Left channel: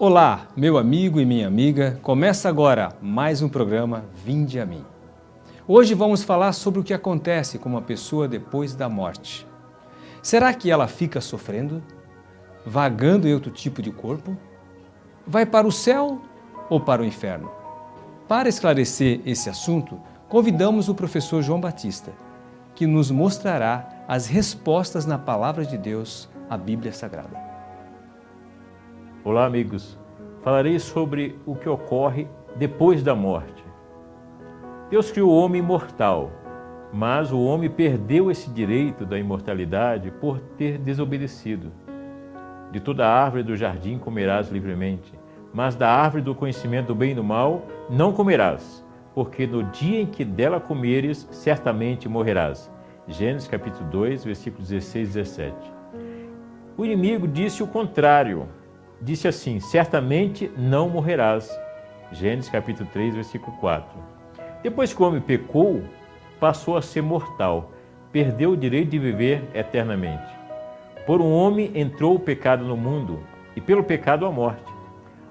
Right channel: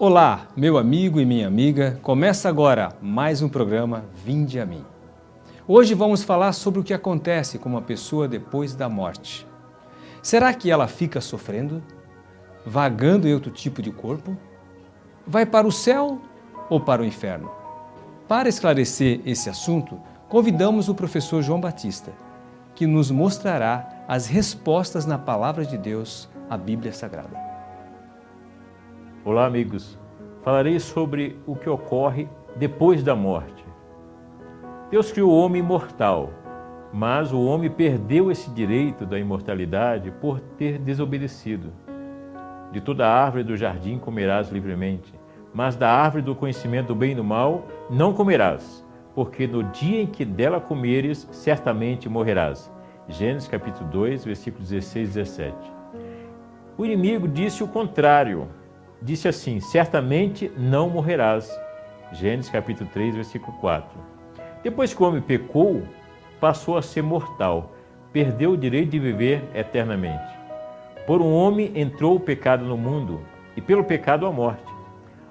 Olá, meu amigo e minha amiga, começa agora mais um programa Vinde a Mim. Hoje vamos falar sobre o que acontece com uma pessoa depois da morte. Será que ela fica sofrendo? Vagando em outro tipo de corpo? Vai para o céu ou para o inferno? Para esclarecer esse assunto, convidamos o professor João Batista, que nos mostrará as respostas na Palavra de Deus, a Bíblia Sagrada. Olá, amigos. Falarei sobre o que ocorre depois da morte. Deus criou o homem imortal, mas o homem perdeu esse direito da imortalidade por ter desobedecido. De toda árvore do jardim comerás livremente, mas da árvore do conhecimento do bem e do mal não comerás, porque no dia em que dela comeres, certamente morrerás. Gênesis capítulo 2, versículos 16 e 17. O inimigo disse o contrário. Disse assim: certamente não morrerás. Gênesis capítulo 3, versículo 4. Depois que o homem pecou, passou a ser mortal, perdeu o direito de viver eternamente. Por um homem entrou o pecado no mundo, e pelo pecado a morte.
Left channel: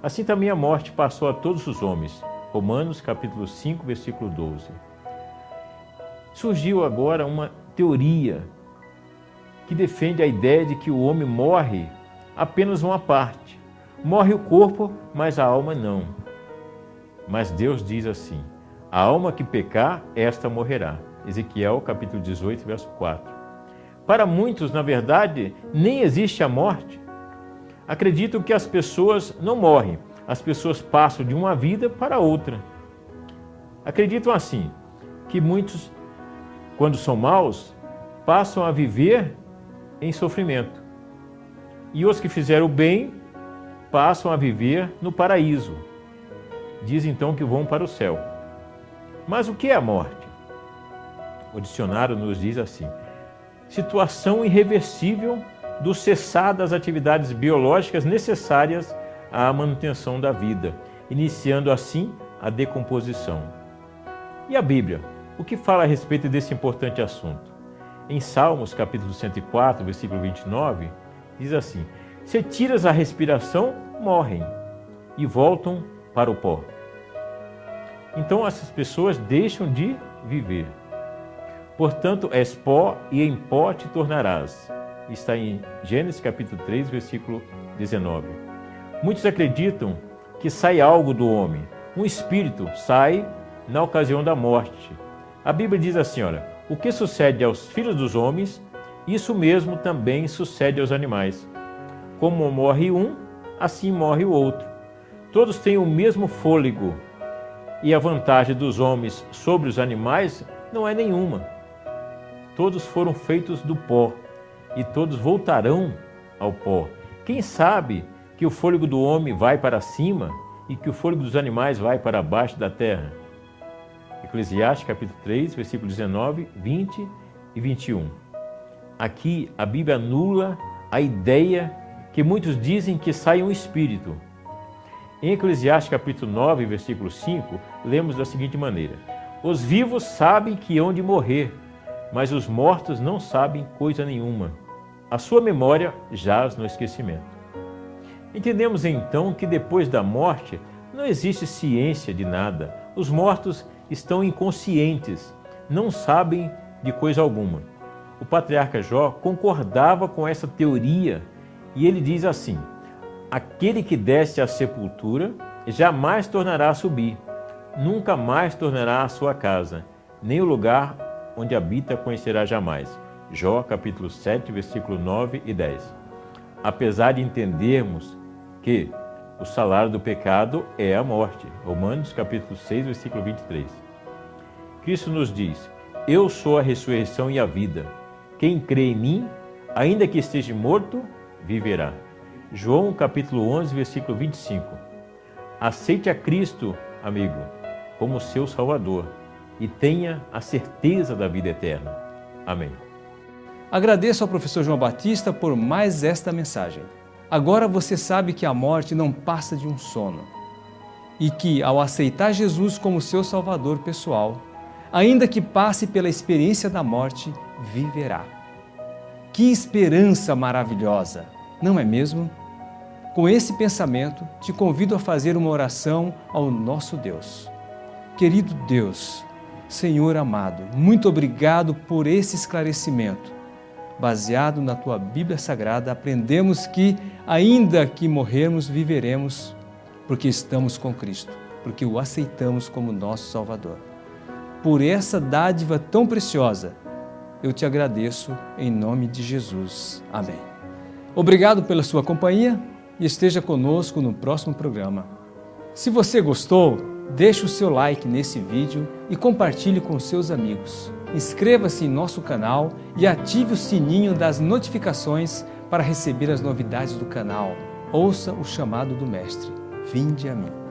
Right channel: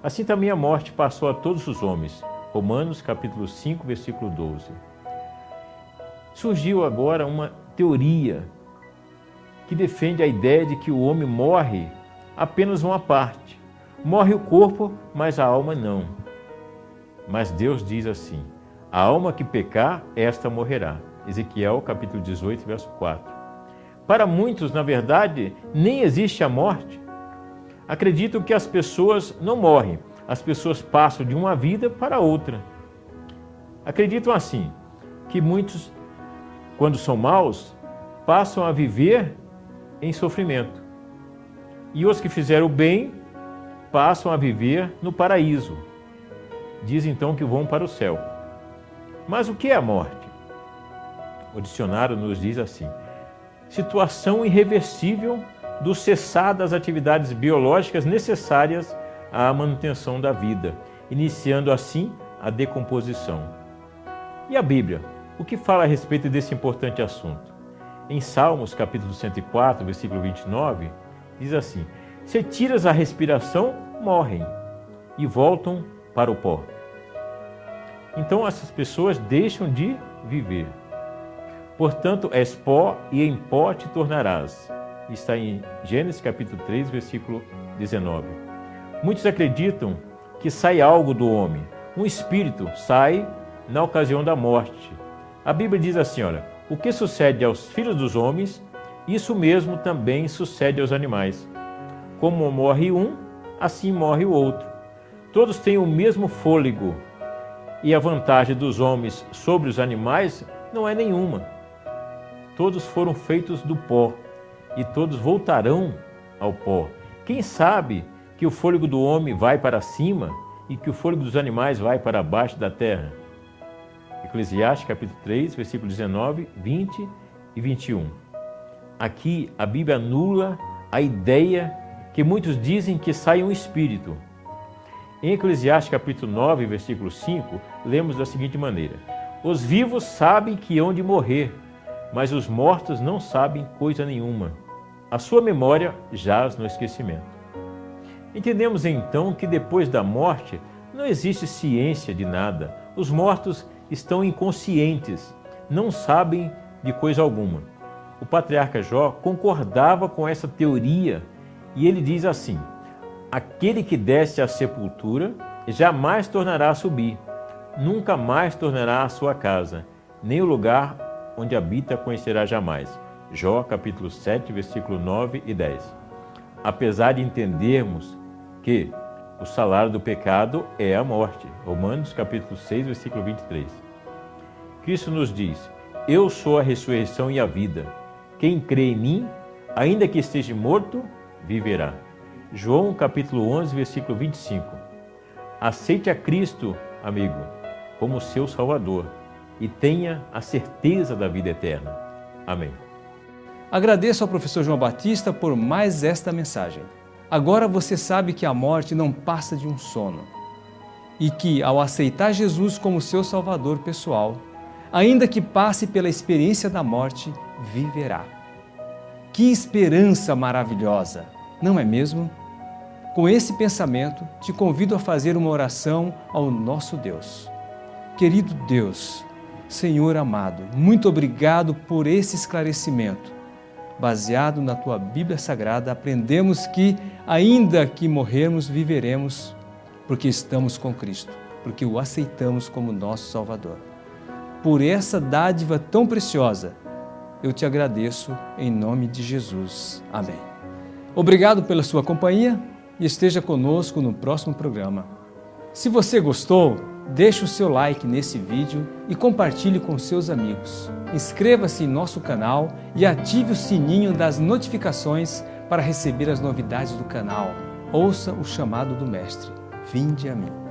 Assim também a morte passou a todos os homens. Romanos capítulo 5, versículo 12. Surgiu agora uma teoria que defende a ideia de que o homem morre apenas uma parte. Morre o corpo, mas a alma não. Mas Deus diz assim: a alma que pecar, esta morrerá. Ezequiel capítulo 18, verso 4. Para muitos, na verdade, nem existe a morte. Acreditam que as pessoas não morrem, as pessoas passam de uma vida para outra. Acreditam assim, que muitos, quando são maus, passam a viver em sofrimento. E os que fizeram o bem passam a viver no paraíso. Diz então que vão para o céu. Mas o que é a morte? O dicionário nos diz assim: situação irreversível do cessar das atividades biológicas necessárias à manutenção da vida, iniciando assim a decomposição. E a Bíblia? O que fala a respeito desse importante assunto? Em Salmos capítulo 104, versículo 29, diz assim: se tiras a respiração, morrem e voltam para o pó. Então essas pessoas deixam de viver. Portanto, és pó e em pó te tornarás. Está em Gênesis capítulo 3, versículo 19. Muitos acreditam que sai algo do homem. Um espírito sai na ocasião da morte. A Bíblia diz assim, olha: o que sucede aos filhos dos homens, isso mesmo também sucede aos animais. Como morre um, assim morre o outro. Todos têm o mesmo fôlego, e a vantagem dos homens sobre os animais não é nenhuma. Todos foram feitos do pó, e todos voltarão ao pó. Quem sabe que o fôlego do homem vai para cima e que o fôlego dos animais vai para baixo da terra? Eclesiastes capítulo 3, versículos 19, 20 e 21. Aqui a Bíblia anula a ideia que muitos dizem que sai um espírito. Em Eclesiastes capítulo 9, versículo 5, lemos da seguinte maneira: os vivos sabem que hão de morrer, mas os mortos não sabem coisa nenhuma. A sua memória jaz no esquecimento. Entendemos então que depois da morte não existe ciência de nada. Os mortos estão inconscientes, não sabem de coisa alguma. O patriarca Jó concordava com essa teoria e ele diz assim: aquele que desce à sepultura jamais tornará a subir, nunca mais tornará a sua casa, nem o lugar onde habita conhecerá jamais. Jó capítulo 7, versículo 9 e 10. Apesar de entendermos que o salário do pecado é a morte. Romanos capítulo 6, versículo 23. Cristo nos diz: eu sou a ressurreição e a vida. Quem crê em mim, ainda que esteja morto, viverá. João capítulo 11, versículo 25. Aceite a Cristo, amigo, como seu Salvador e tenha a certeza da vida eterna. Amém. Agradeço ao professor João Batista por mais esta mensagem. Agora você sabe que a morte não passa de um sono e que, ao aceitar Jesus como seu Salvador pessoal, ainda que passe pela experiência da morte, viverá. Que esperança maravilhosa, não é mesmo? Com esse pensamento, te convido a fazer uma oração ao nosso Deus. Querido Deus, Senhor amado, muito obrigado por esse esclarecimento. Baseado na Tua Bíblia Sagrada, aprendemos que, ainda que morrermos, viveremos, porque estamos com Cristo, porque o aceitamos como nosso Salvador. Por essa dádiva tão preciosa, eu te agradeço em nome de Jesus. Amém. Obrigado pela sua companhia e esteja conosco no próximo programa. Se você gostou, deixe o seu like nesse vídeo e compartilhe com seus amigos. Inscreva-se em nosso canal e ative o sininho das notificações para receber as novidades do canal. Ouça o chamado do Mestre. Vinde a mim.